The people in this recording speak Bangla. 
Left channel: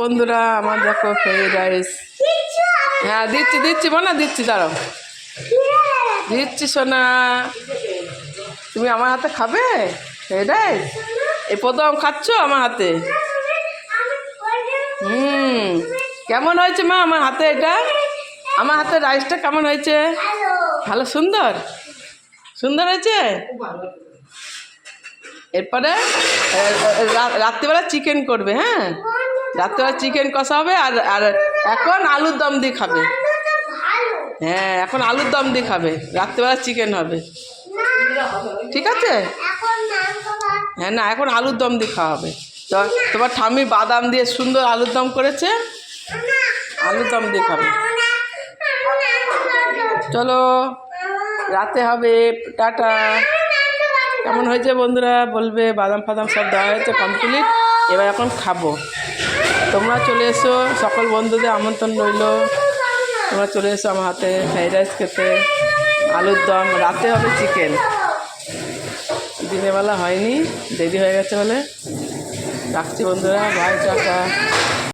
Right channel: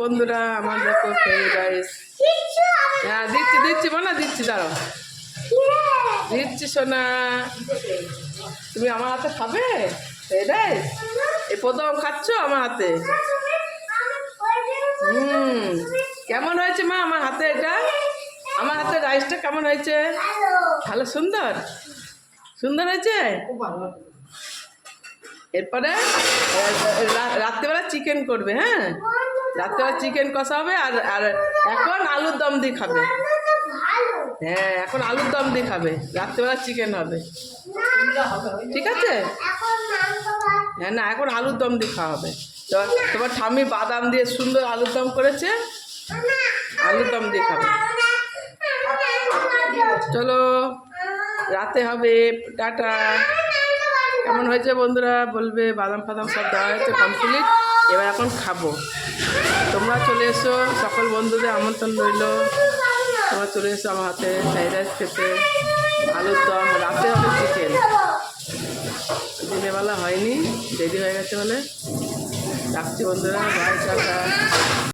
বন্ধুরা আমার দেখো ফ্রাইড রাইস। হ্যাঁ দিচ্ছি দিচ্ছি বোনা দিচ্ছি, দাঁড়াও দিচ্ছি সোনা। তুমি আমার হাতে খাবে ফ্রাইড রাইস? এই প্রথম খাচ্ছ আমার হাতে? কেমন হয়েছে মা আমার হাতে? এটা আমার হাতে রাইসটা কেমন হয়েছে? ভালো, সুন্দর সুন্দর হয়েছে। এরপরে রাত্রিবেলা চিকেন করবে। হ্যাঁ রাত্রিবেলা চিকেন কষা হবে। আর আর এখন আলুর দম দিয়ে খাবে। হ্যাঁ এখন আলুর দম দিয়ে খাবে, রাত্রিবেলা চিকেন হবে। ঠিক আছে? হ্যাঁ না এখন আলুর দম দিয়ে খাওয়া হবে। তোমার ঠাম্মি বাদাম দিয়ে সুন্দর আলুর দম করেছে, আলুর দম দিয়ে খাবে। চলো রাতে হবে, টাটা। কেমন হয়েছে বন্ধুরা বলবে। বাদাম ফাদাম সব দেওয়া হয়েছে কমপ্লিট, এবার এখন খাবো। তোমরা চলে এসো, সকল বন্ধুদের আমন্ত্রণ রইল। তোমরা চলে এসো আমার হাতে ফ্রাইড রাইস খেতে, আলুর দম। রাতে হবে চিকেন, দিনের বেলা হয়নি, দেরি হয়ে গেছে বলে। রাখছি বন্ধুরা, বাই, টাটা।